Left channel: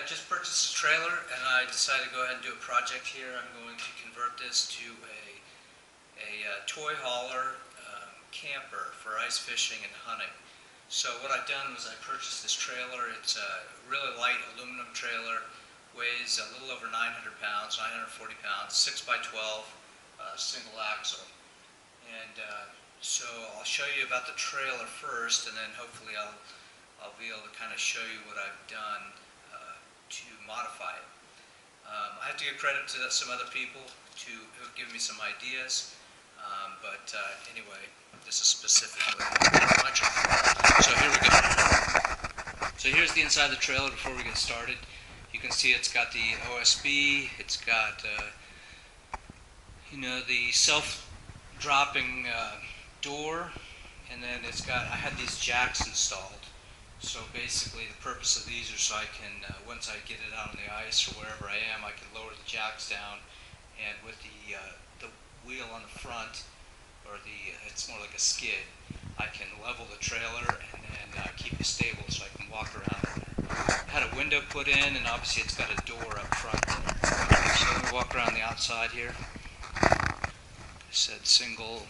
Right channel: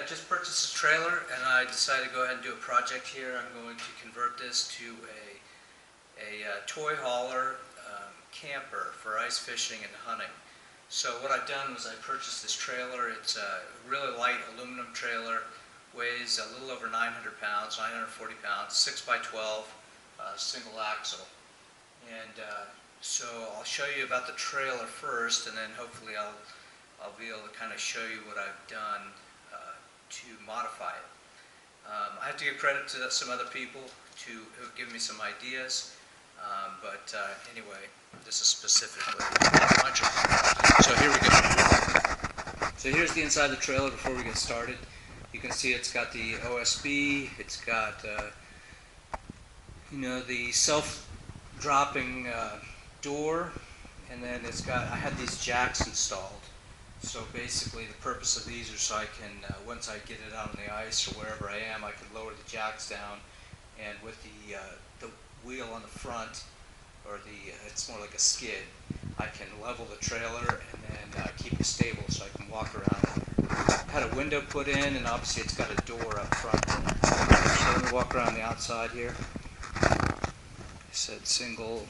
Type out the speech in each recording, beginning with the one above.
I just purchased a trailer and I decided to go ahead and do a project here. I'm going to convert this to a toy hauler camper for ice fishing and hunting. So what I've done was I purchased this trailer. It's a really light aluminum trailer, weighs a little over 900 pounds, 940 pounds, 6 by 12, single axle. And so I'll show you about the trailer first, and then hopefully I'll be able to kind of show you what I've done to modify it. I have to give credit to some other people who have given me some ideas, but anyway, this is specifically my trailer. So here we go. So here's the inside of the trailer before we get started. You can see it's got the OSB, it's got the self-dropping door, and then it's got, I had these jacks installed. So basically the purpose of these are so I can, once I get it out on the ice or wherever I am, I can lower the jacks down, and with the wheel on the front, or it's more like a skid, I can level the trailer and then keep it stable so I can walk around there. I had a window put in, and obviously it's got a door up front there. So let me walk around the outside here. I said single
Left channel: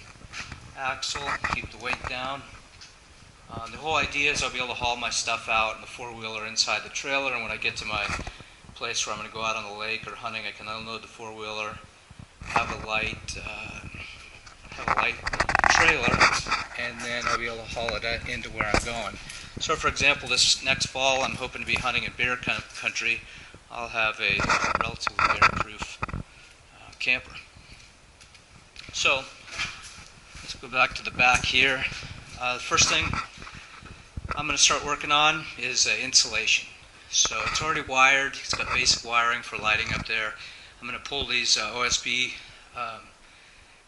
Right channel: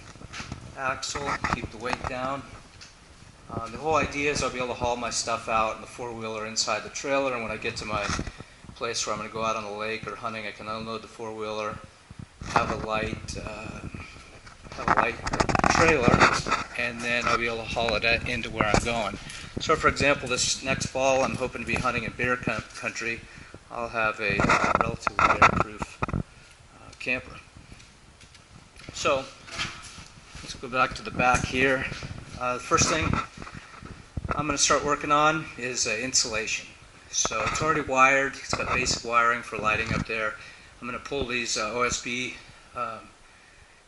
axle, keep the weight down. The whole idea is I'll be able to haul my stuff out in the four-wheeler inside the trailer, and when I get to my place where I'm going to go out on the lake or hunting, I can unload the four-wheeler, have a light trailer, and then I'll be able to haul it into where I'm going. So for example, this next fall I'm hoping to be hunting in bear country. I'll have a relatively bear-proof camper. So let's go back to the back here. The first thing I'm going to start working on is insulation. So it's already wired. It's got basic wiring for lighting up there. I'm going to pull these OSB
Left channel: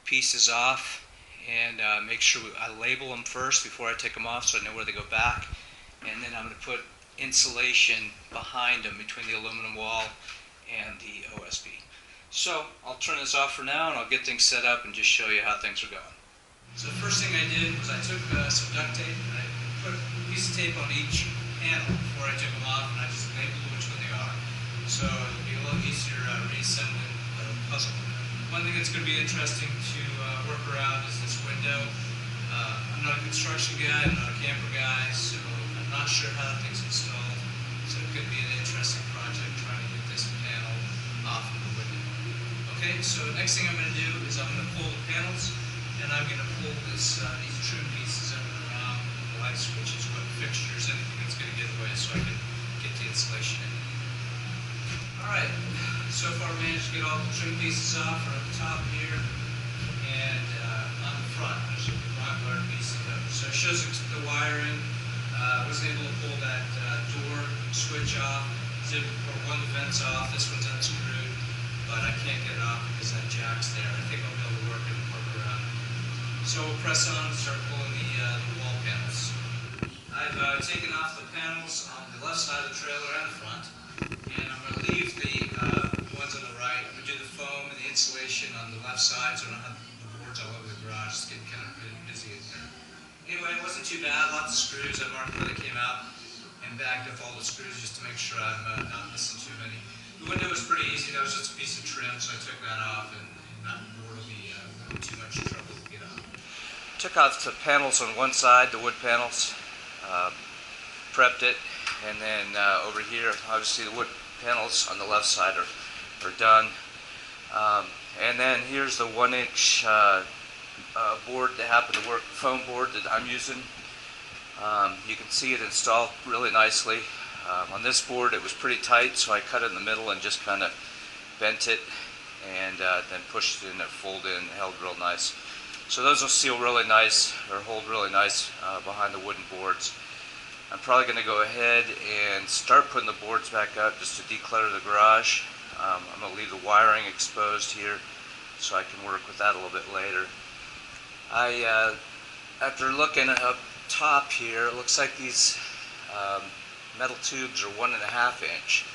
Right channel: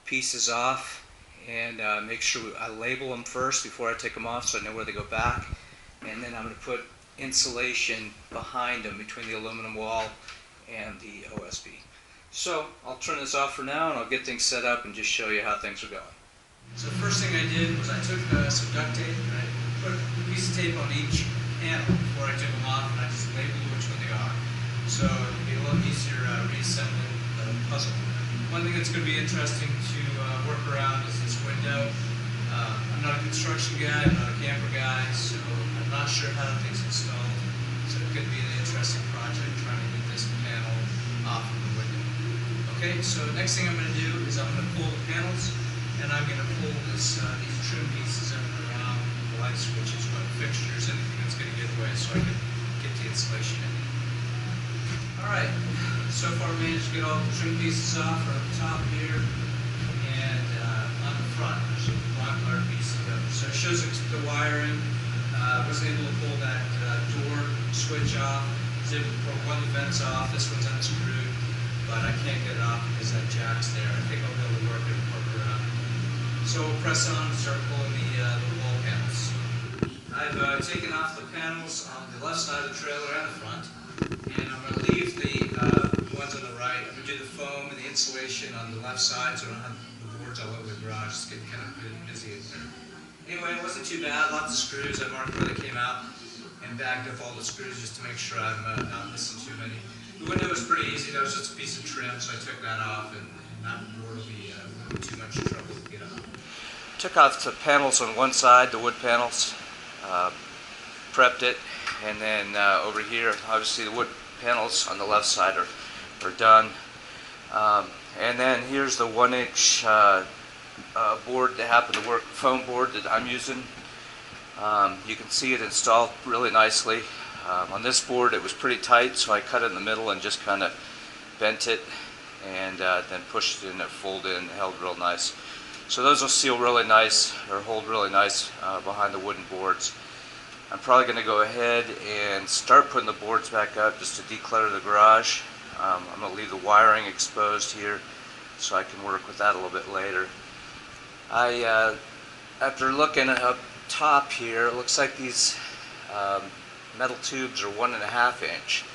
pieces off and make sure I label them first before I take them off so I know where they go back. And then I'm going to put insulation behind them between the aluminum wall and the OSB. So I'll turn this off for now and I'll get things set up and just show you how things are going. So the first thing I did was I took some duct tape and I put a piece of tape on each panel before I took them off, and I just labeled which one they are. So it'll be a little easier reassembling the puzzle. One thing that's going to be interesting to work around is this window. I'm not a construction guy, I'm not a camper guy, so I'm not sure how that thing's installed. So it could be an interesting project trying to get this panel off of the window. Okay, so next thing I'm going to do is I'm going to pull the panels, and I'm going to pull these trim pieces around the light switches, fixtures, anything that's going to get in the way so I can get the insulation in. Alright, so far I managed to get all the trim pieces off from the top here, and on the front there's a black wire piece of it. So it shows the wiring. I wasn't able to pull that door switch off. I was able to pull one of the vents off. This one's unscrewed, but I can't get it off because that jack's there. I think I'll be able to work around it. So we'll press on and start pulling the wall panels. I've taken off the panels on the left side of the trailer and the front, and I'm going to leave the ones on the right. I'm going to do the foam and the insulation on the left side so I don't have the boards all over the garage. It's getting kind of busy in there. Anyway, it wasn't too bad. Lots of screws. I marked where they came out and bagged up all the screws just to make sure I'm not missing too many. The window was pretty easy. That was just a piece of trim, so I took that off, and that board will be too much trouble to get off. Took off the panels on one side, the wood panels, prepped it, and then over here, obviously the wood panels on the left side are done. And then here's the 1-inch board that happened to work, foam board that I'm using. You can see it installed really nicely. On this board it was pretty tight, so I cut it in the middle and just kind of bent it, and then pushed it in, it folded in, held real nice. So those will seal really nice, or hold really nice behind the wooden boards. I'm probably going to go ahead and start putting the boards back up just to declutter the garage. I'm going to leave the wiring exposed here so I can work with that a little bit later. After looking up top here, it looks like these metal tubes are 1.5 inch.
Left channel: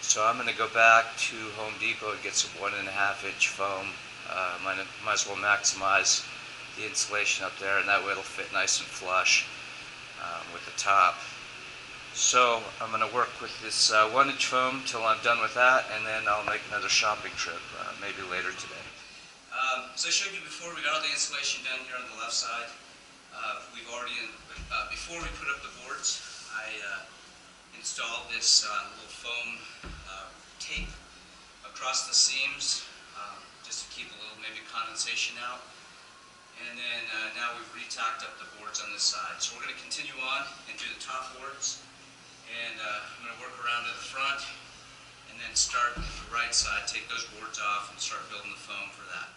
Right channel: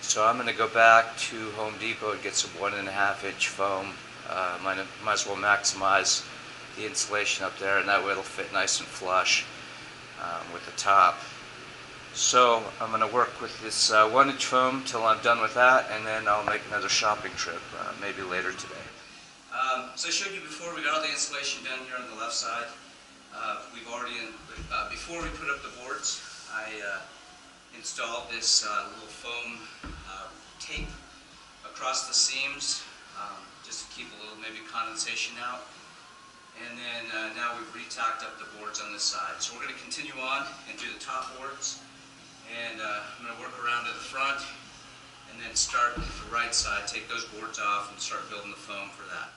So I'm going to go back to Home Depot and get some 1.5 inch foam. Might as well maximize the insulation up there, and that way it'll fit nice and flush with the top. So I'm going to work with this 1-inch foam till I'm done with that, and then I'll make another shopping trip, maybe later today. So I showed you before, we got all the insulation done here on the left side. We've already, before we put up the boards, I installed this little foam tape across the seams, just to keep a little maybe condensation out. And then now we've re-tacked up the boards on this side. So we're going to continue on and do the top boards. And I'm going to work around to the front and then start with the right side, take those boards off and start building the foam for that.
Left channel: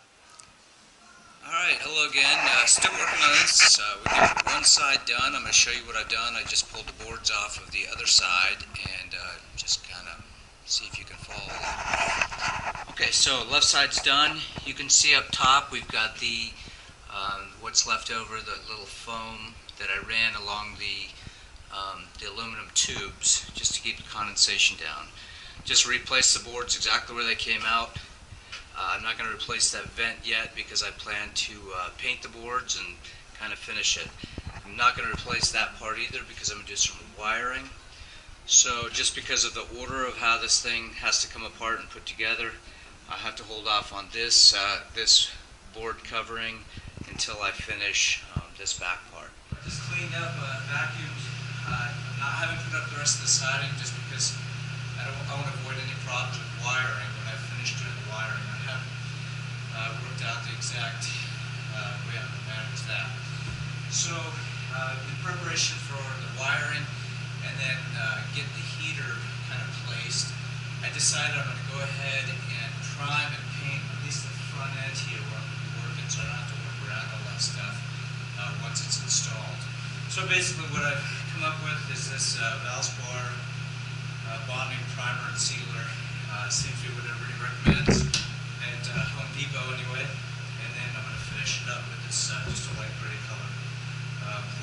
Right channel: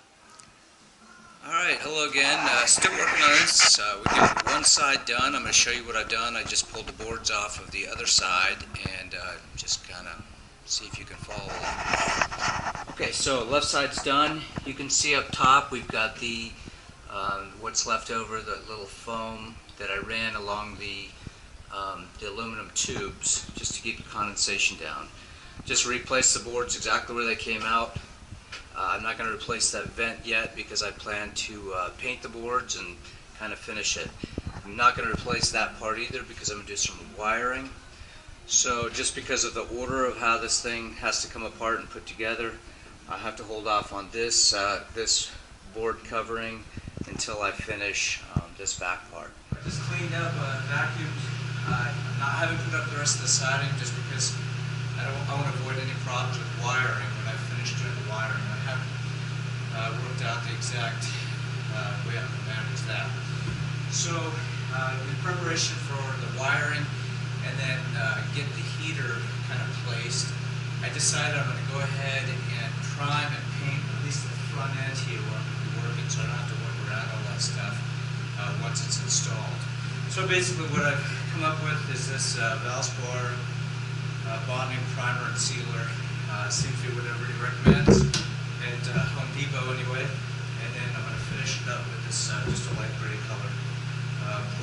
Alright, hello again. Still working on this. We got one side done. I'm going to show you what I've done. I just pulled the boards off of the other side and just kind of see if you can follow along. Okay, so left side's done. You can see up top we've got the what's left over, the little foam that I ran along the aluminum tubes just to keep the condensation down. Just replace the boards exactly where they came out. I'm not going to replace that vent yet because I plan to paint the boards and kind of finish it. I'm not going to replace that part either because I'm going to do some wiring. So just because of the order of how this thing has to come apart and put together, I have to hold off on this board covering until I finish this back part. I just cleaned up, vacuumed. I haven't put up the rest of the siding just because I want to avoid any problems with wiring when I finish doing the wiring. I haven't worked out the exact way I'm going to manage that. So in preparation for the wiring and then get the heater kind of placed, I decided I'm going to go ahead and prime and paint at least the front end here where I'm going to be working so I don't have to work around all that stuff once it's installed. So basically what I've come up with is this Valspar bonding primer and sealer. Seems to be what everybody recommends at Home Depot anyway. And then I'm going to finish it up with this just a light gray color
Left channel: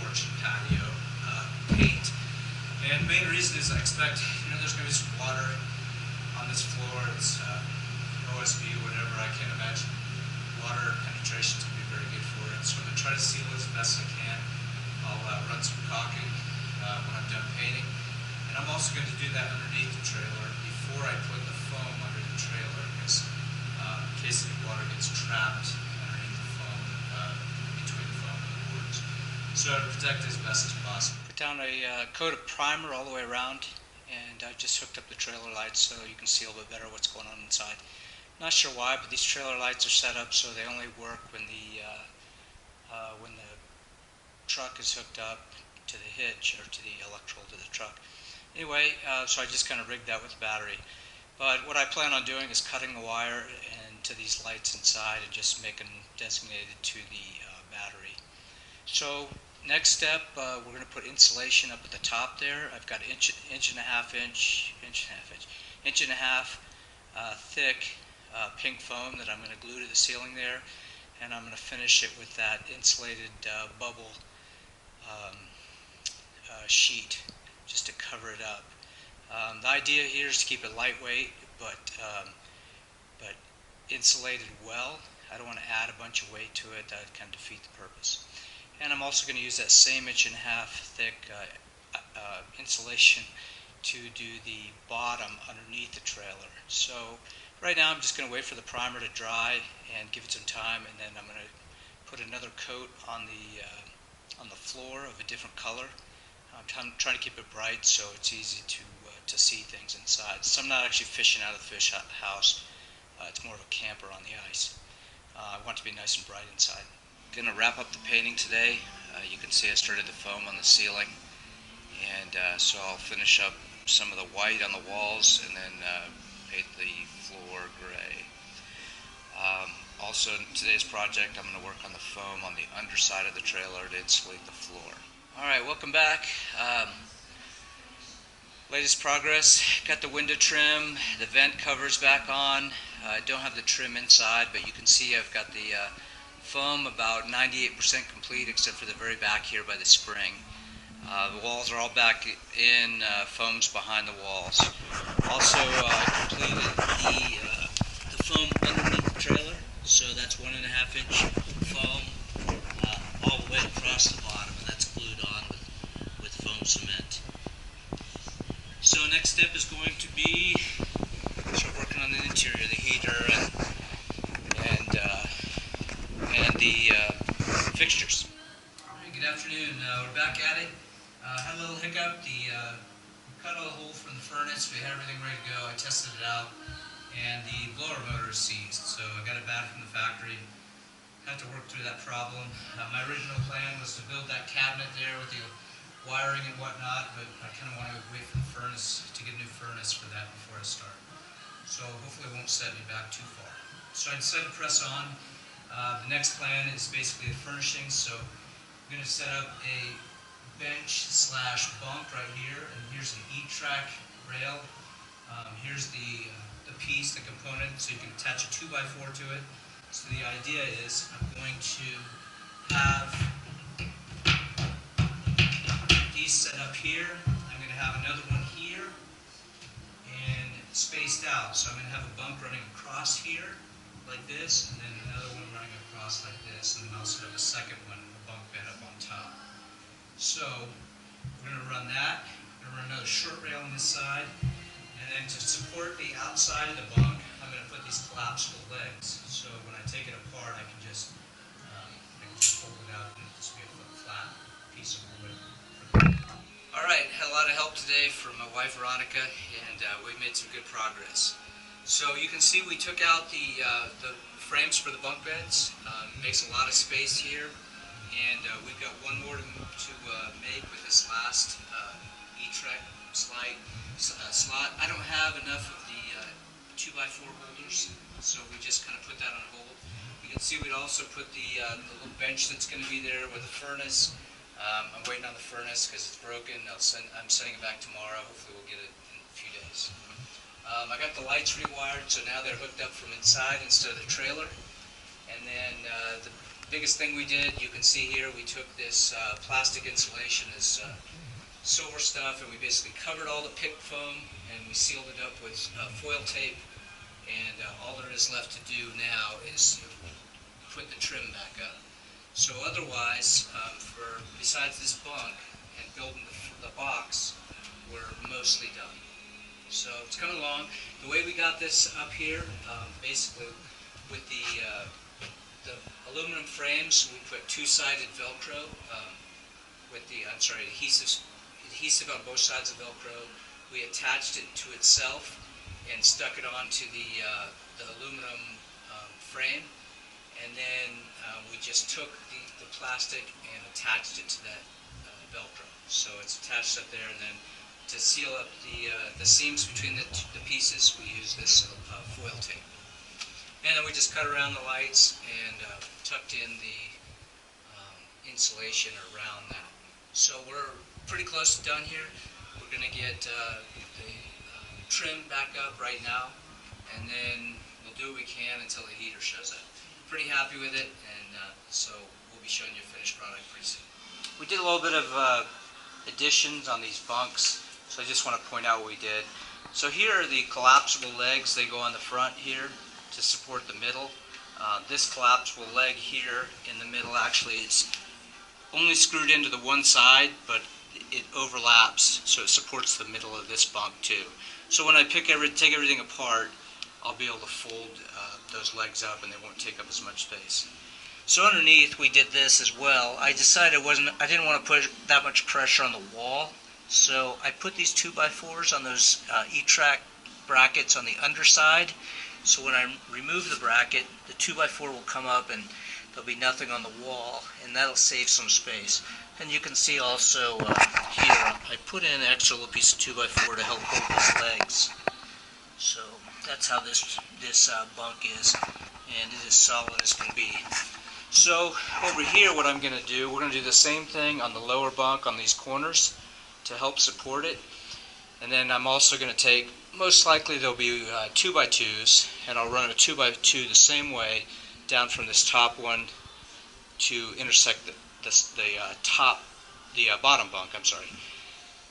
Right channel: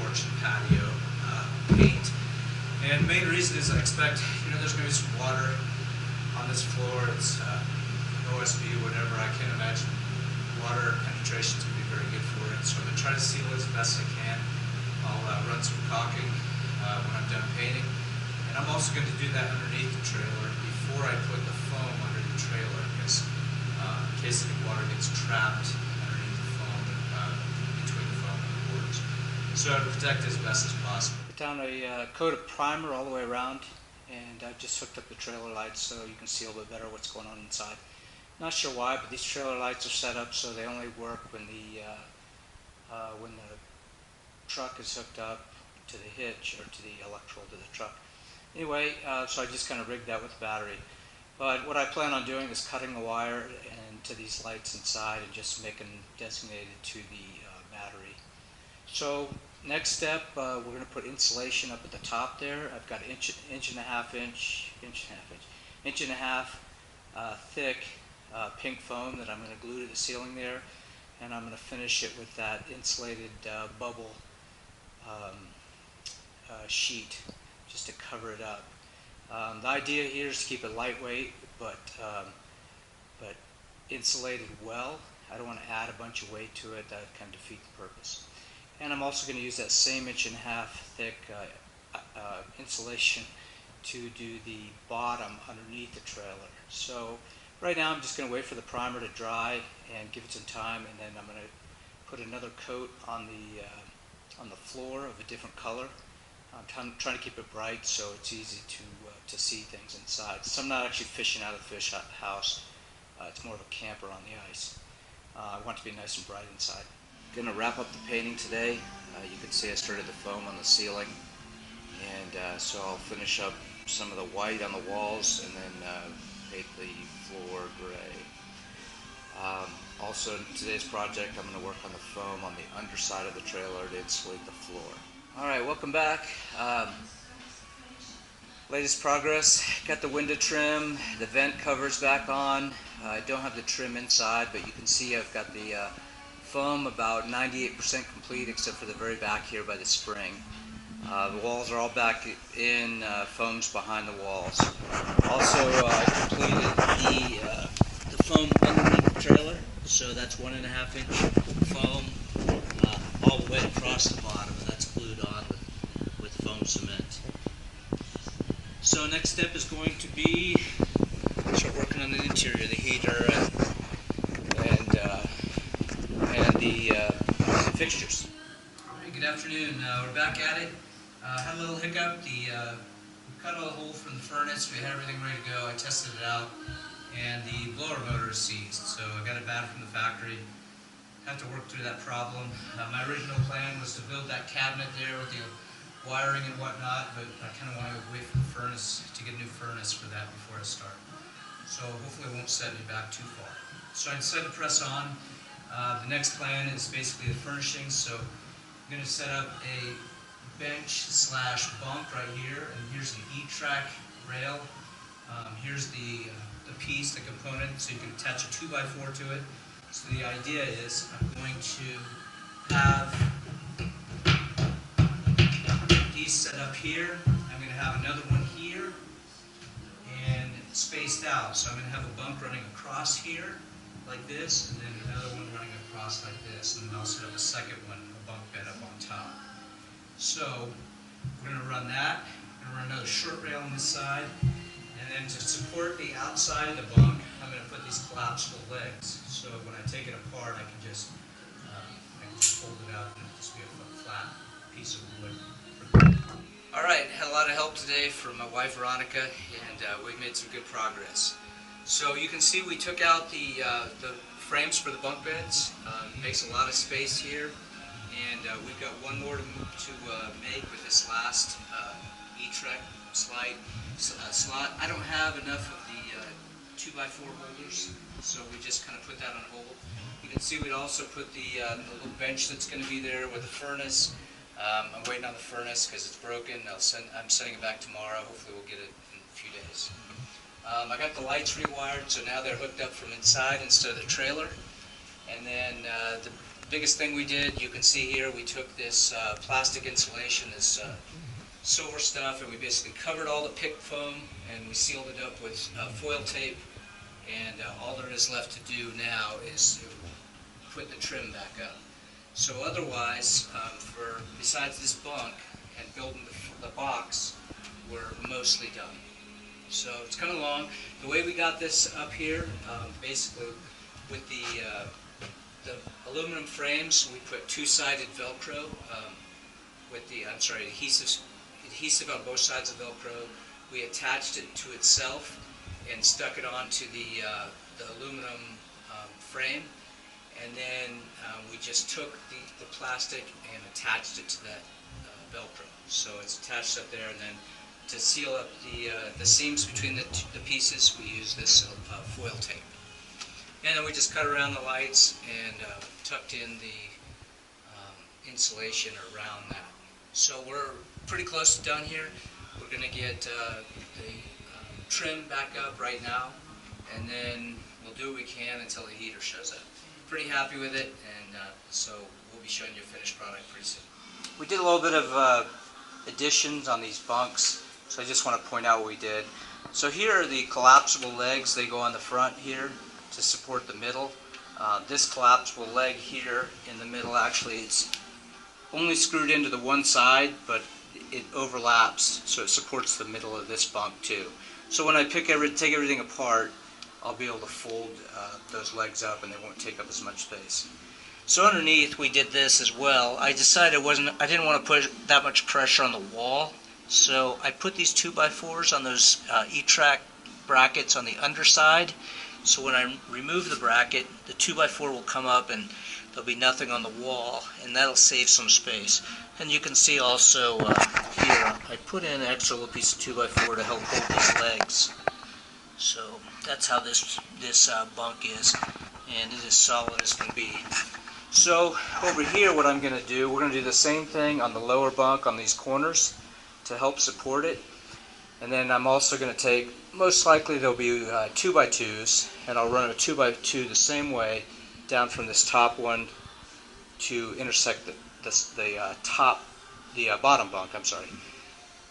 porch and patio paint. And the main reason is I expect, there's going to be some water on this floor. It's OSB, whatever. I can't imagine water penetration is going to be very good for it. So I'm going to try to seal it as best I can. I'll run some caulking when I'm done painting. And I'm also going to do that underneath the trailer before I put the foam under the trailer because in case any water gets trapped underneath the foam, between the foam and the boards. So to protect it as best as possible. Put down a coat of primer all the way around, and I just hooked up the trailer lights so you can see a little bit better what's going on inside. Not sure why, but these trailer lights are set up so they only work when the truck is hooked up to the hitch or to the electrical to the truck. Anyway, so I just kind of rigged that with battery. But what I plan on doing is cutting the wire into these lights inside and just making designated to the battery. So next step, we're going to put insulation up at the top there. I've got inch and a half thick pink foam that I'm going to glue to the ceiling there, and I'm going to finish it with that insulated bubble sheet just to cover it up. The idea here is to keep it lightweight but insulated well. I don't want to add a bunch of weight to it. That would kind of defeat the purpose. And I'm also going to use that same inch and a half thick insulation to do the bottom underneath the trailer. So right now I'm just going to wait for the primer to dry and give it some time, and then I'm going to put another coat on the floor of a different color. I'm trying to keep it bright so it's easy to see things inside. So I'm not actually fishing out of the fish house. It's more of a camper on the ice. I want it to be nice and bright inside. Going to wrap up the painting today. You can see I started the foam on the ceiling, and so I'll finish up some of the white on the walls and then paint the floor gray. Also in today's project I'm going to work on the foam on the underside of the trailer to insulate the floor. Alright, welcome back. Latest progress, got the window trim, the vent covers back on. I don't have the trim inside, but you can see I've got the foam about 98% complete except for the very back here by the spring. The walls are all back in, foam's behind the walls. Also, I completed the foam underneath the trailer, so that's 1.5 inch foam all the way across the bottom, and that's glued on with foam cement. step is going to be start working on the interior, the heater, and the fixtures. All right, good afternoon. We're back at it. Had a little hiccup. We cut all the hole from the furnace. We had everything ready to go. I tested it out, and the blower motor is seized. So I got it back from the factory. Have to work through that problem. My original plan was to build that cabinet there with the wiring and whatnot, but I kind of want to wait for the furnace to get a new furnace for that before I start. So hopefully it won't set me back too far. So I decided to press on. The next plan is basically the furnishings. So I'm going to set up a bench slash bunk right here, and here's an E-track rail. Here's the piece, the component, so you can attach a 2x4 to it. So the idea is I'm going to have these set up here. I'm going to have another one here and spaced out. So I'm going to have a bunk running across here like this, and then another one running across like this, and then I'll set up a second one, a bunk bed up on top. So we're going to run that. We're going to run another short rail on this side, and then to support the outside of the bunk, I'm going to put these collapsible legs. So when I take it apart, I can just fold it out and it'll just be a flat piece of wood. All right, had a lot of help today from my wife Veronica, and we made some good progress. So you can see we took out the frames for the bunk beds. Makes a lot of space here, and we've got one more to make with this last E-track slot. I don't have enough of the 2x4 holders, so we just kind of put that on hold. You can see we'd also put the little bench that's going to be there with the furnace. I'm waiting on the furnace because it's broken. I'm sending it back tomorrow. Hopefully we'll get it in a few days. I got the lights rewired, so now they're hooked up from inside instead of the trailer. And then the biggest thing we did, you can see here, we took this plastic insulation, this silver stuff, and we basically covered all the PIC foam, and we sealed it up with foil tape. And all there is left to do now is to put the trim back up. So otherwise, besides this bunk and building the box, we're mostly done. So it's coming along. The way we got this up here, basically with the aluminum frames, we put two-sided Velcro with the adhesive on both sides of Velcro. We attached it to itself and stuck it onto the aluminum frame, and then we just took the plastic and attached it to that Velcro. So it's attached up there, and then to seal up the seams between the pieces, we use this foil tape. And then we just cut around the lights and tucked in the insulation around that. So we're pretty close to done here. We're going to get the trim back up right now, and then we'll do what we can until the heater shows up. Pretty happy with it, and so we'll be showing you a finished product pretty soon. We did a little bit of additions on these bunks, so I just want to point out what we did. So here are the collapsible legs. They go on the front here to support the middle. This collapsible leg here in the middle actually is only screwed into the one side, but it overlaps, so it supports the middle of this bunk too. So when I take everything apart, I'll be able to fold those legs up, and they won't take up as much space. So underneath, we did this as well. I decided I didn't want to put that much pressure on the wall, so I put these 2x4s on those E-track brackets on the underside. So when I remove the bracket, the 2x4 will come up, and there'll be nothing on the wall, and that'll save some space. And you can see also here, I put in an extra little piece of 2x4 to help hold these legs. So that's how this bunk is, and it is solid as can be. So over here, what I'm going to do, we're going to do the same thing on the lower bunk on these corners to help support it. And then I'm also going to take, most likely there'll be 2x2s, and I'll run a 2x2 the same way down from this top one to intersect the bottom bunk,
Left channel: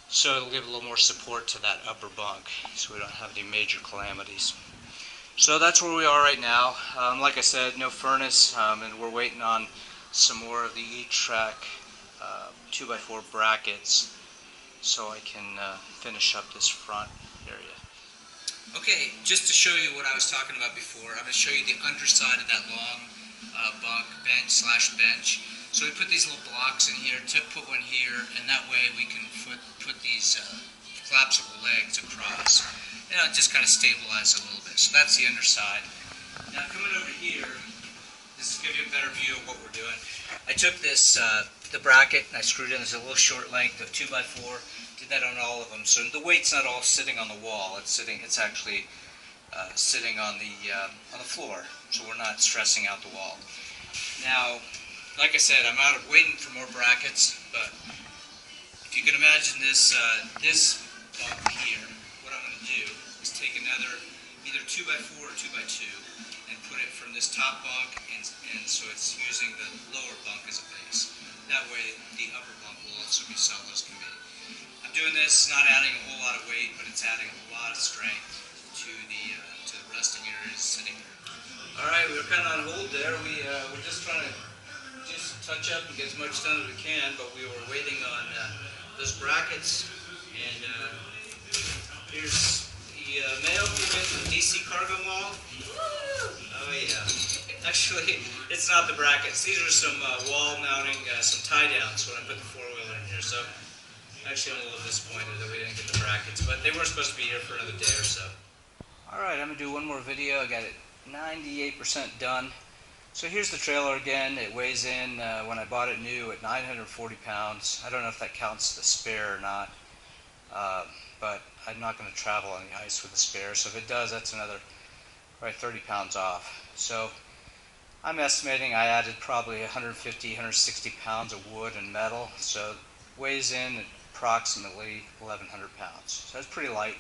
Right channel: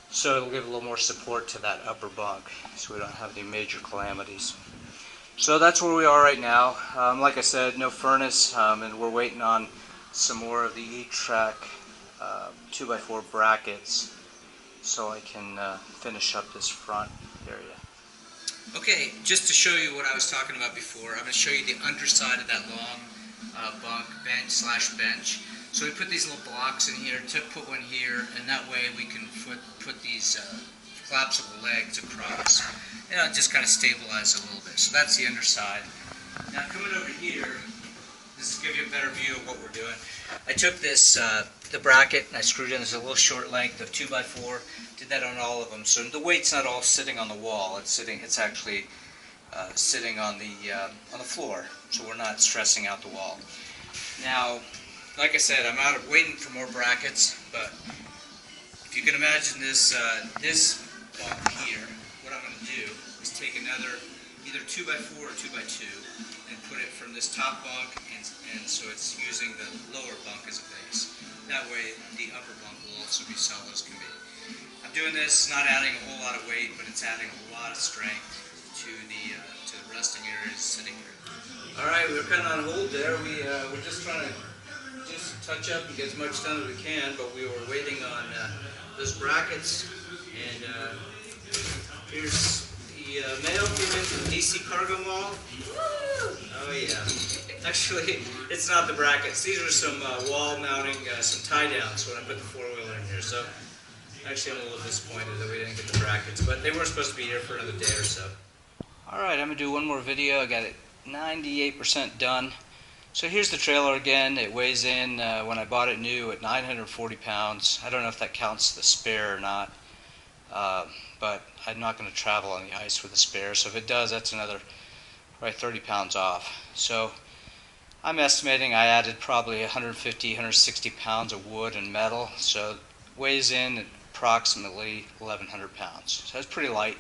so it'll give a little more support to that upper bunk, so we don't have any major calamities. So that's where we are right now. Like I said, no furnace, and we're waiting on some more of the E-track 2x4 brackets so I can finish up this front. area. Okay, just to show you what I was talking about before, I'm going to show you the underside of that long bunk bench. So we put these little blocks in here, put one here, and that way we can put these collapsible legs across. And it'll just kind of stabilize it a little bit. So that's the underside. Now coming over here, this will give you a better view of what we're doing. I took this, the bracket, and I screwed in, there's a little short length of 2x4, did that on all of them. So the weight's not all sitting on the wall, it's actually sitting on the floor, so we're not stressing out the wall. Now, like I said, I'm waiting for more brackets, but if you can imagine this, this bunk here, what I'm going to do is take another, either 2x4 or 2x2, and put it from this top bunk, and so it's using the lower bunk as a base. That way, the upper bunk will also be solid as can be. I'm doing this, not adding a whole lot of weight, but it's adding a lot of strength to the resting areas sitting here. All right, we were kind of on hold there. We're just trying to just touch up and get as much done as we can, but we were waiting on those brackets, and here's the mail came in from the DC Cargo Mall. Oh yeah. Actually, it's not the brackets. These are some wall mounting, some tie downs when I put the four-wheeler in here. So actually, I'm a little disappointed that we didn't get the brackets, but they were supposed to be here for another day or so. All right, I'm gonna do one more video. I got it 98% done. So here's the trailer again. It weighs in, when I bought it new, at 940 pounds. I don't know if that counts the spare or not, but I'm not going to travel on the ice with the spare. So if it does, that's another probably 30 pounds off. So I'm estimating I added probably 150, 160 pounds of wood and metal. So it weighs in at approximately 1,100 pounds. So it's pretty light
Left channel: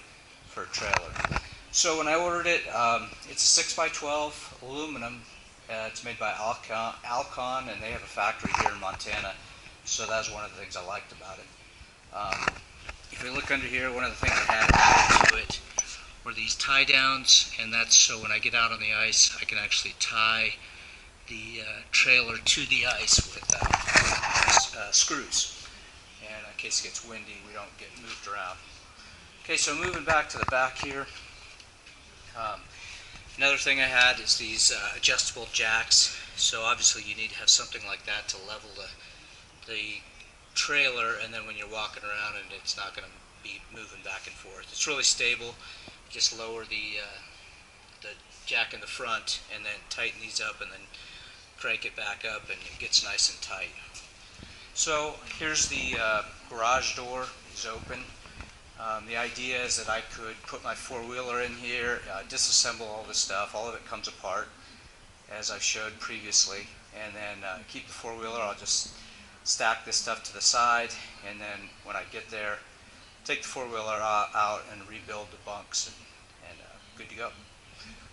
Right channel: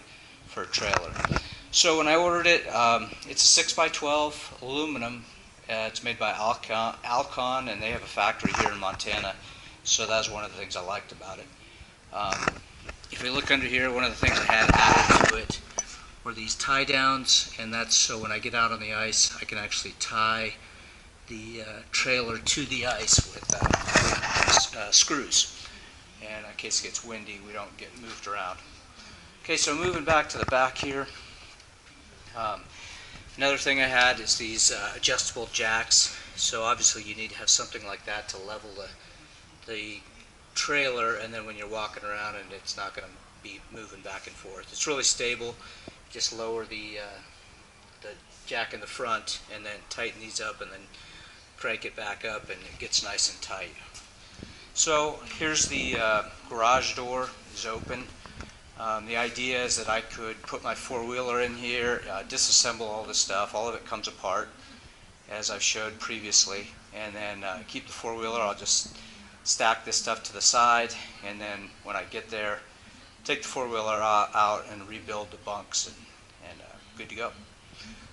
for a trailer. So when I ordered it, it's a 6x12 aluminum. It's made by Alcon, and they have a factory here in Montana, so that's one of the things I liked about it. If we look under here, one of the things I had added to it were these tie downs, and that's so when I get out on the ice, I can actually tie the trailer to the ice with screws. And in case it gets windy, we don't get moved around. Okay, so moving back to the back here. Another thing I had is these adjustable jacks. So obviously you need to have something like that to level the trailer, and then when you're walking around and it's not going to be moving back and forth. It's really stable. Just lower the jack in the front and then tighten these up and then crank it back up and it gets nice and tight. So here's the garage door is open. The idea is that I could put my four-wheeler in here, disassemble all this stuff. All of it comes apart, as I showed previously, and then keep the four-wheeler. I'll just stack this stuff to the side, and then when I get there, take the four-wheeler out and rebuild the bunks, and good to go.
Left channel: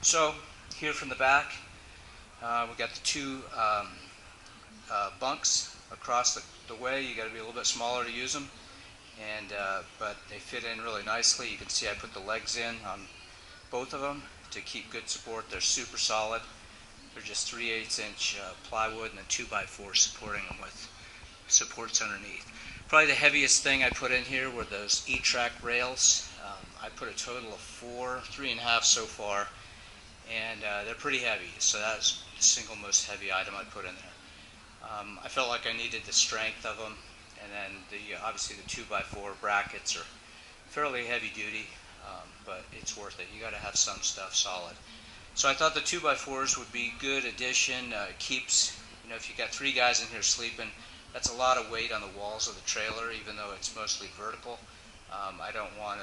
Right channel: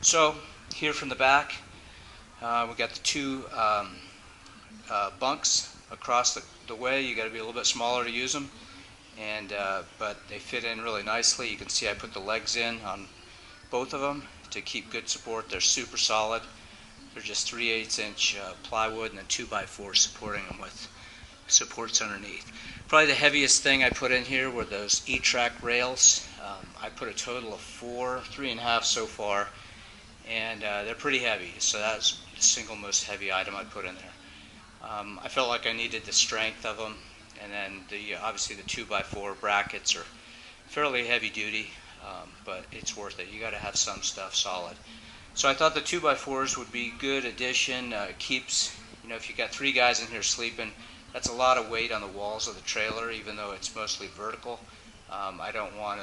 So here from the back, we got the two bunks across the way. You got to be a little bit smaller to use them. But they fit in really nicely. You can see I put the legs in on both of them to keep good support. They're super solid. They're just 3/8" plywood and then 2x4 supporting them with supports underneath. Probably the heaviest thing I put in here were those E-track rails. I put a total of 3.5 so far, and they're pretty heavy. So that's the single most heavy item I put in there. I felt like I needed the strength of them. And then obviously the 2x4 brackets are fairly heavy duty, but it's worth it. You got to have some stuff solid. So I thought the 2x4s would be good addition. It keeps, if you got 3 guys in here sleeping, that's a lot of weight on the walls of the trailer, even though it's mostly vertical. I don't want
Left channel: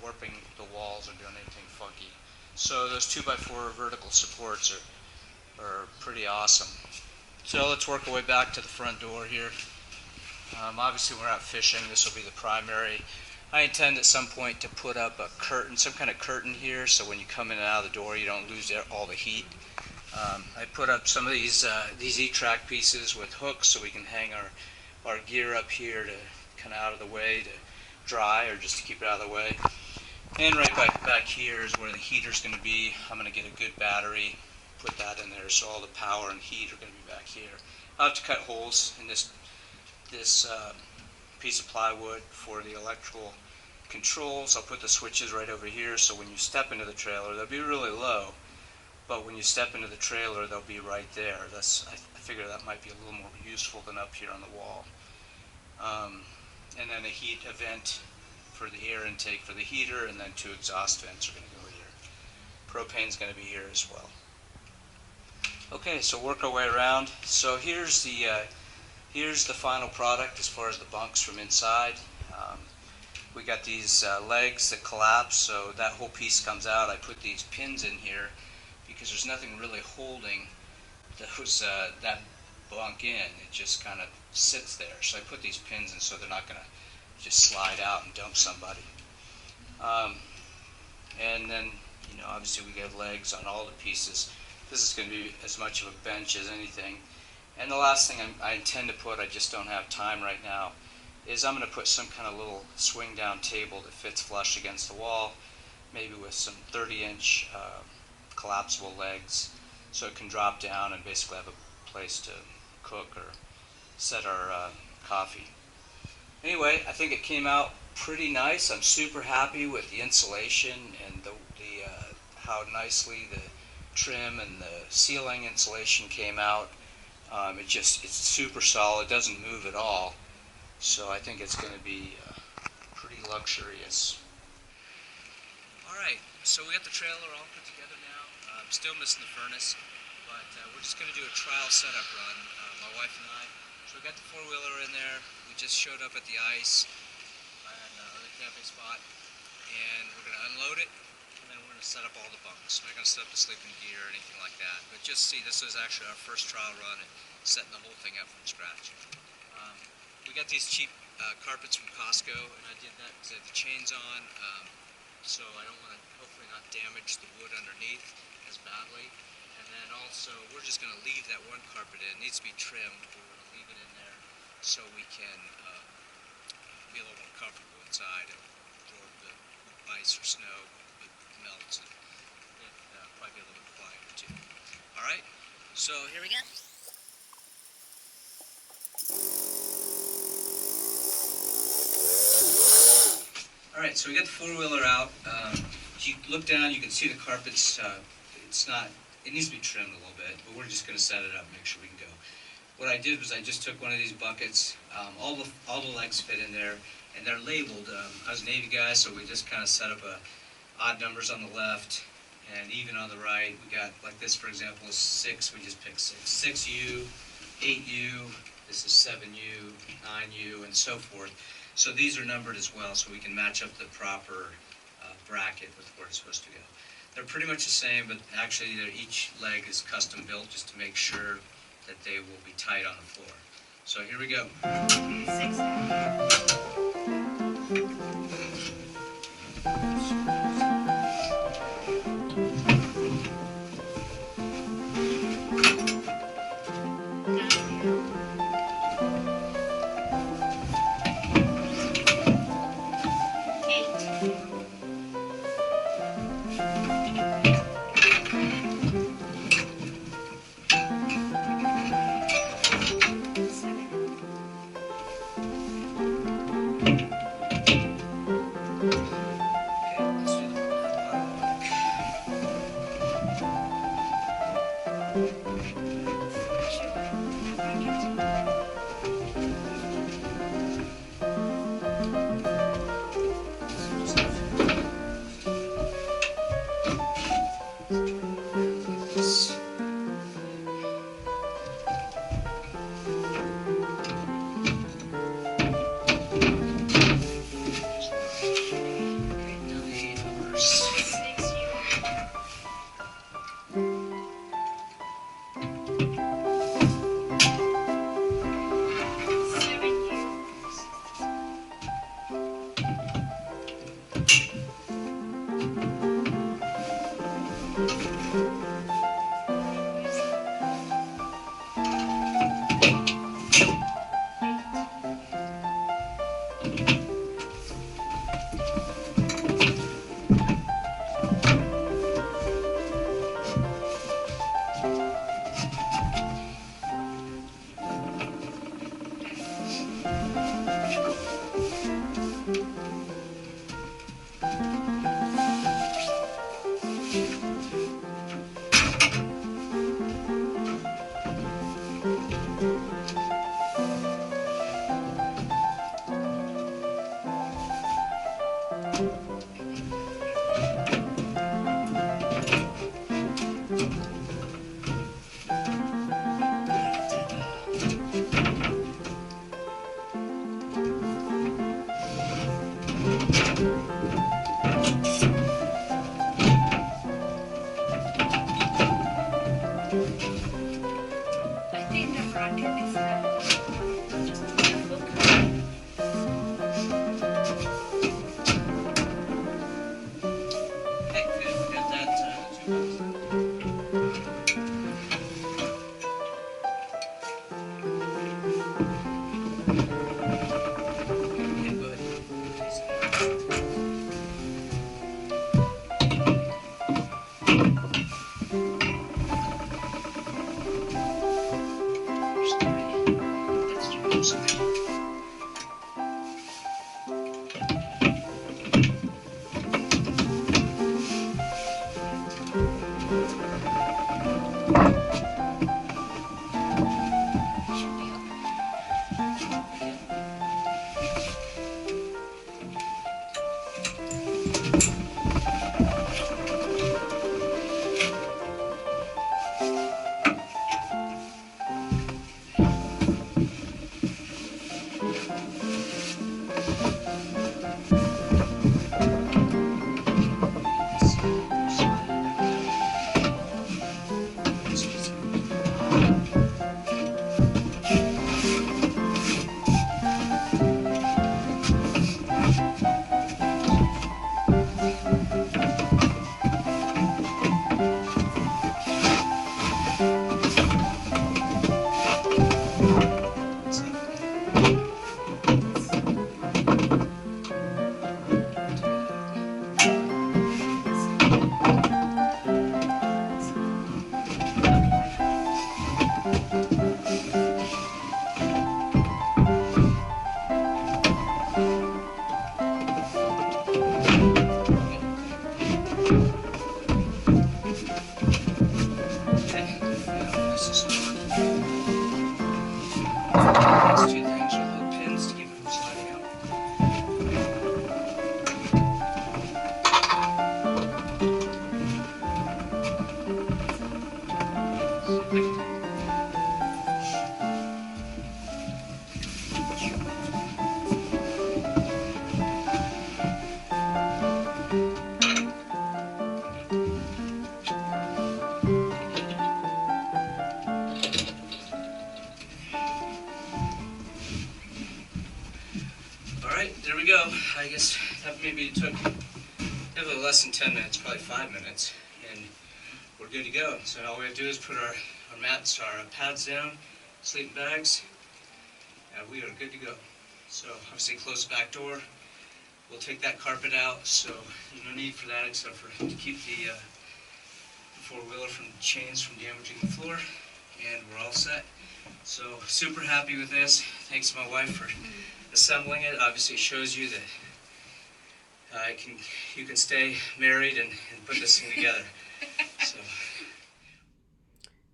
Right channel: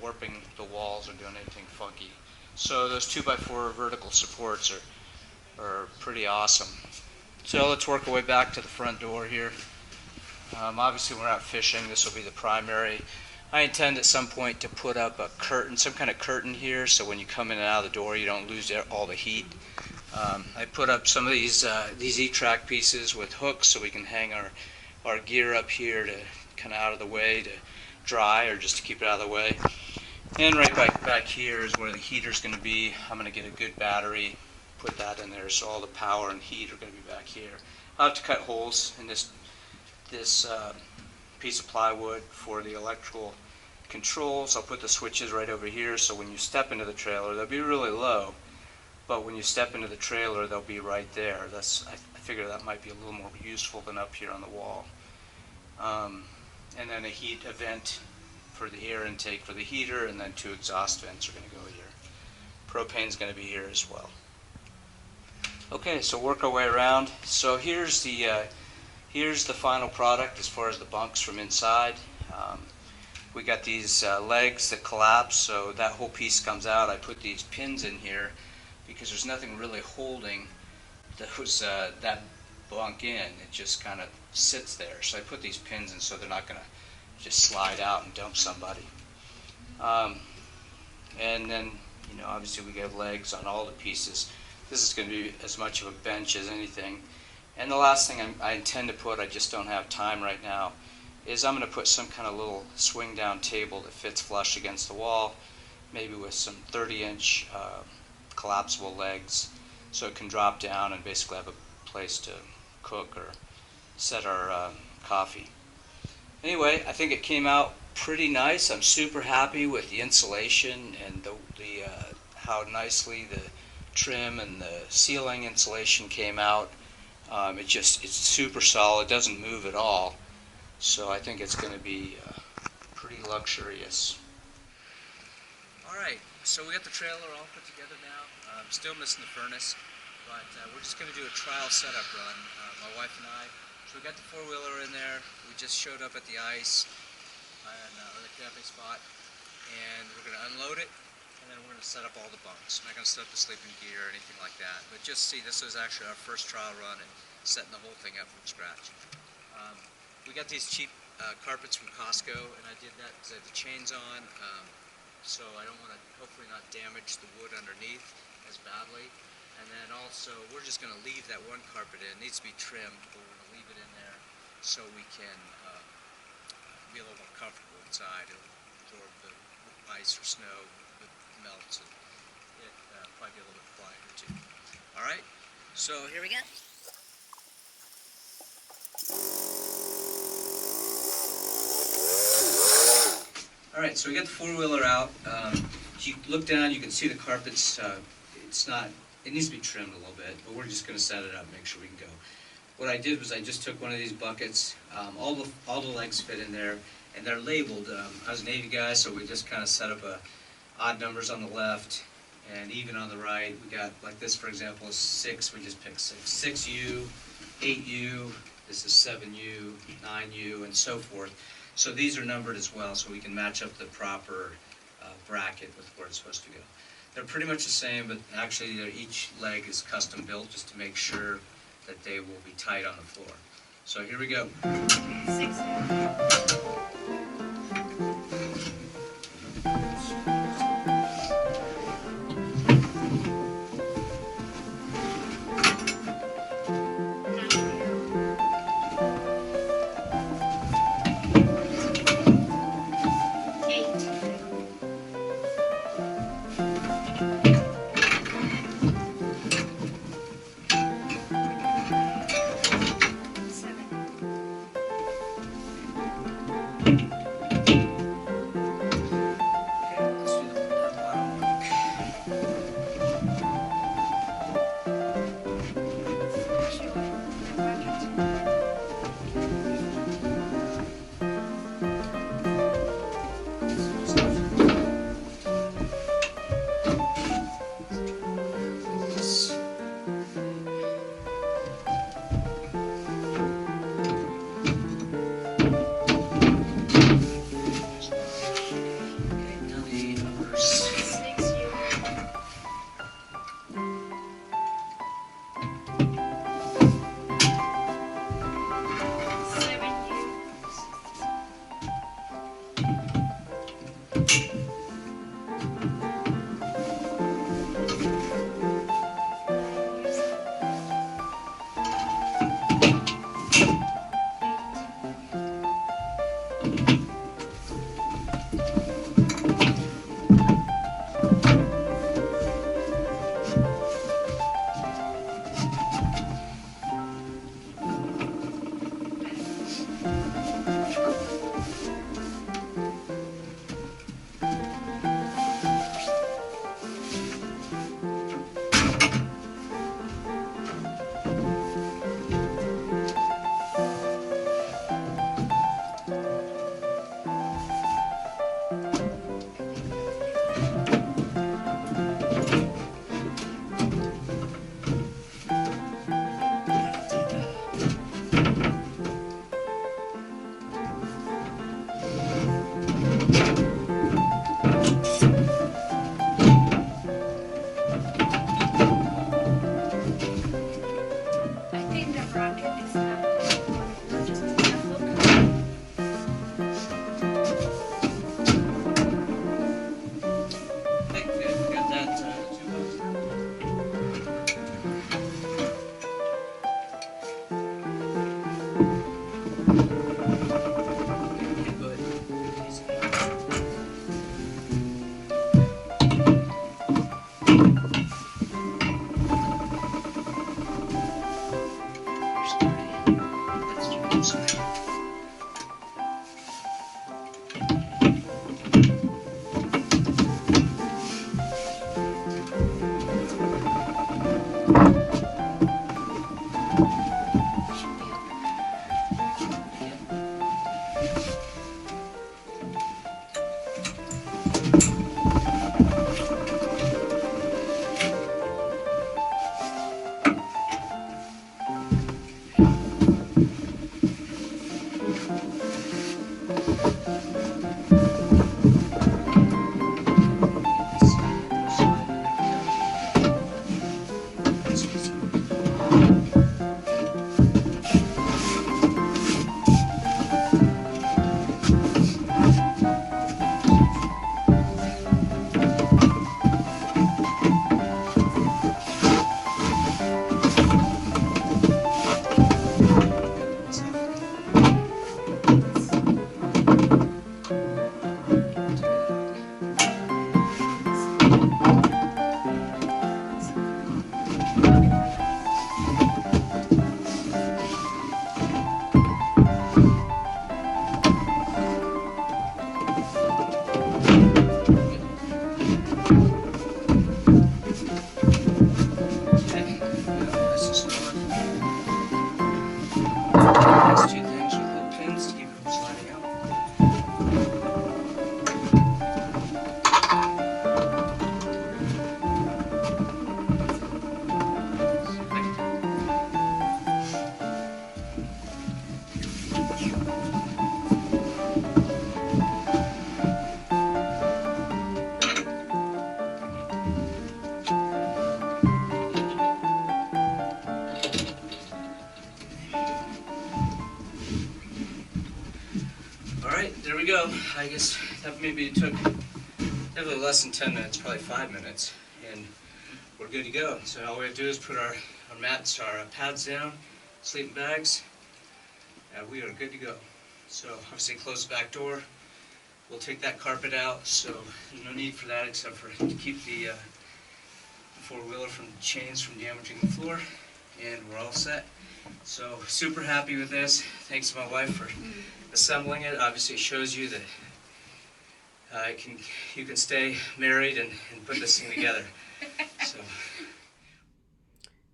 warping the walls or doing anything funky. So those 2x4 vertical supports are pretty awesome. So let's work our way back to the front door here. Obviously we're out fishing. This will be the primary. I intend at some point to put up a curtain, some kind of curtain here, so when you come in and out of the door you don't lose all the heat. I put up some of these E-track pieces with hooks so we can hang our gear up here to kind of out of the way to dry, or just to keep it out of the way. And right back here is where the heater's going to be. I'm going to get a good battery, put that in there, so all the power and heat are going to be back here. I'll have to cut holes in this piece of plywood for the electrical controls, I'll put the switches right over here, so when you step into the trailer, they'll be really low, but when you step into the trailer, they'll be right there. I figure that might be a little more useful than up here on the wall. And then a vent for the air intake for the heater, and then 2 exhaust vents are going to go here. Propane's going to be here as well. Okay, so work our way around. So here's the final product as far as the bunks from inside. We got these legs that collapse, so that whole piece comes out. I put these pins in here because there's nothing really holding that bunk in. It just kind of sits there. So I put these pins in so they're not going to just slide out and dump somebody. And then, obviously we got legs on all the pieces. This is going to be as much of a bench as anything. And the last thing I intend to put, I just don't have time right now, is I'm going to put some kind of little swing down table that fits flush against the wall, maybe with some 30-inch collapsible legs, so it can drop down and basically have a place to cook or set our coffee. Anyway, I think it came out pretty nice. I'm super happy with the insulation and how nicely the trim and the ceiling insulation came out. It's super solid, doesn't move at all. So I think it's going to be pretty luxurious. Alright, so we got the trailer all put together now. Still missing the furnace, but we're just going to do a trial setup run, my wife and I. So we got the 4-wheeler in there. We just showed up at the ice or the camping spot, and we're going to unload it, and then we're going to set up all the bunks. I'm not going to set up the sleeping gear or anything like that, but just see, this was actually our first trial run at setting the whole thing up from scratch. We got these cheap carpets from Costco, and I did that because I had the chains on, so I don't want to hopefully not damage the wood underneath as badly. And then also, we're just going to leave that one carpet in. It needs to be trimmed, but we're going to leave it in there so we can be a little more comfortable inside. It'll absorb the ice or snow that melts, and it'll probably be a little bit quieter too. All right, so here we go. Alright, so we got the 4-wheeler out. If you look down, you can see the carpets. It needs to be trimmed a little bit, but we're just going to set it up and make sure we can go. What I did was I just took one of these buckets. All the legs fit in there, and they're labeled. I was a Navy guy, so we just kind of set up odd numbers on the left and even on the right. We got, like this, for example, is 6. We just picked 6. 6U, 8U, this is 7U, 9U, and so forth. So these are numbered as well, so we can match up the proper bracket with where it's supposed to go. They're pretty much the same, but actually each leg is custom built just to make sure that they will be tight on the floor. So here we go. 6. Alright, there we go. I guess that maybe took definitely less than 10 minutes, probably 5 minutes, and we're good to go. So all we have to do is put our mats, our pads down, sleeping bags, and we are good to go. So obviously close the back door. We'll take that carpet out, so there's no need for that except for to keep the four-wheeler from chains from damaging the floor, and we're all set. So super happy with this. Thanks to my wife for assembling it. Obviously it shows you that you can stay married and put this thing together. So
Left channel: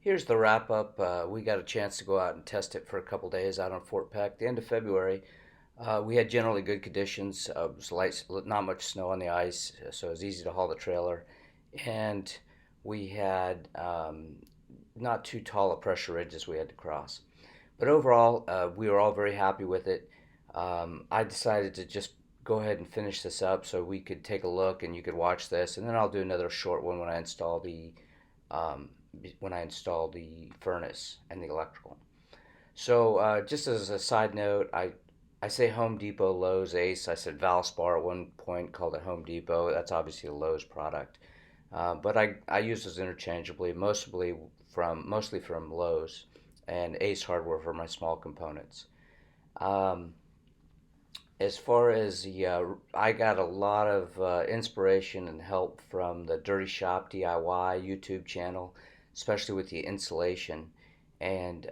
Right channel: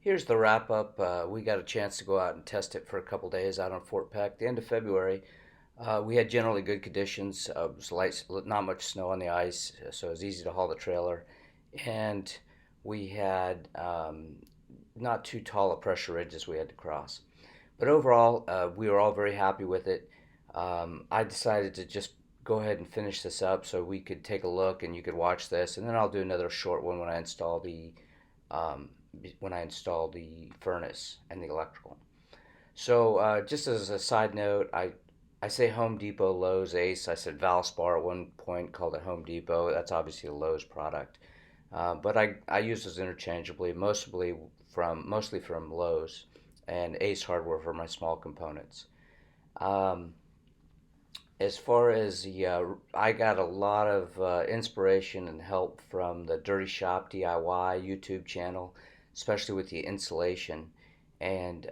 here's the wrap up. We got a chance to go out and test it for a couple days out on Fort Peck. The end of February, we had generally good conditions. It was light, not much snow on the ice, so it was easy to haul the trailer. And we had not too tall a pressure ridges we had to cross. But overall, we were all very happy with it. I decided to just go ahead and finish this up so we could take a look and you could watch this, and then I'll do another short one when I install the furnace and the electrical. So just as a side note, I say Home Depot, Lowe's, Ace. I said Valspar at one point, called it Home Depot. That's obviously a Lowe's product, but I use those interchangeably, mostly from Lowe's, and Ace Hardware for my small components. As far as I got a lot of inspiration and help from the Dirty Shop DIY YouTube channel, especially with the insulation. And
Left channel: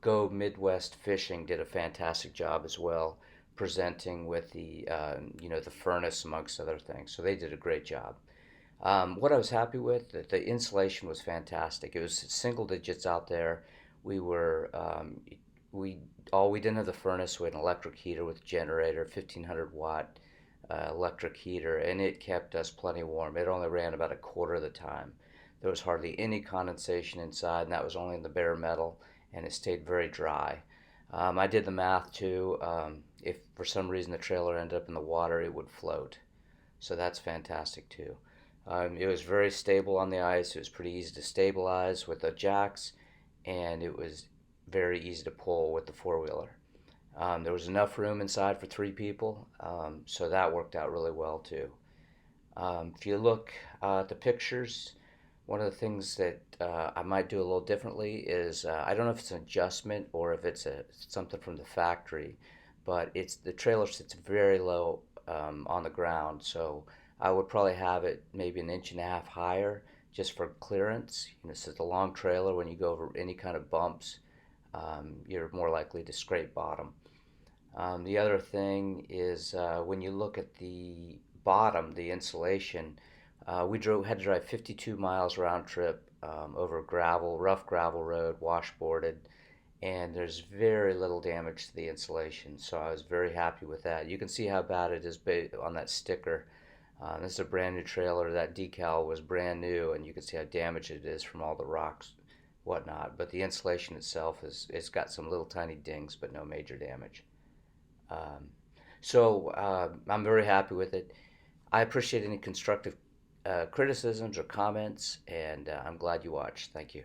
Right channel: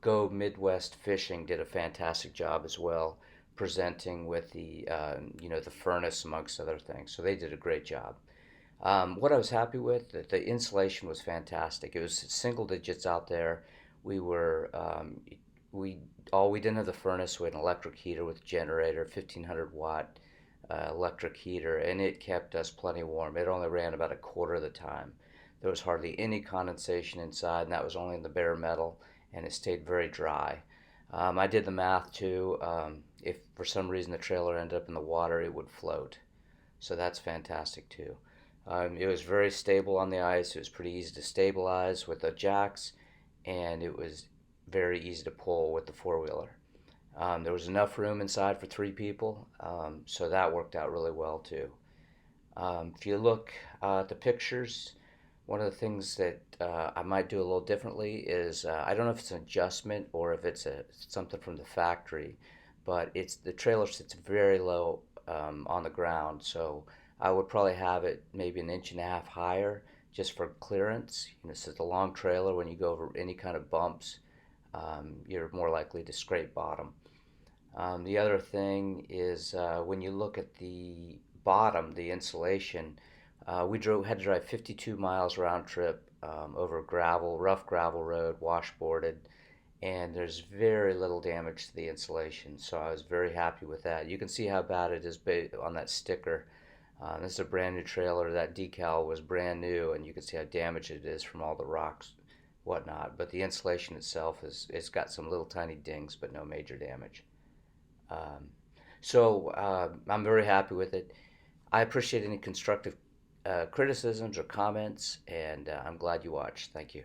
Go Midwest Fishing did a fantastic job as well, presenting with the the furnace amongst other things. So they did a great job. What I was happy with, the insulation was fantastic. It was single digits out there. We were we didn't have the furnace. We had an electric heater with a generator, 1500-watt electric heater, and it kept us plenty warm. It only ran about a quarter of the time. There was hardly any condensation inside, and that was only in the bare metal, and it stayed very dry. I did the math too. If for some reason the trailer ended up in the water, it would float. So that's fantastic too. It was very stable on the ice. It was pretty easy to stabilize with the jacks, and it was very easy to pull with the four-wheeler. There was enough room inside for 3 people, so that worked out really well too. If you look at the pictures, one of the things that I might do a little differently is I don't know if it's an adjustment or if it's something from the factory, but the trailer sits very low on the ground, so I would probably have it maybe 1.5 inches higher just for clearance. This is a long trailer. When you go over any kind of bumps, you're more likely to scrape bottom. The other thing is when you look at the bottom, the insulation, we had to drive 52 miles round trip over rough gravel road, washboarded, and there's very little damage to the insulation, so I was very happy with that. You can see how bad it is on that sticker. This is a brand new trailer. That decal was brand new, and you can see how damaged it is from all the rocks, whatnot. But the insulation itself it's got some little tiny dings, but no major damage. So I'm very happy with it. I appreciate any constructive criticisms or comments, and I'm glad you watched. Thank you.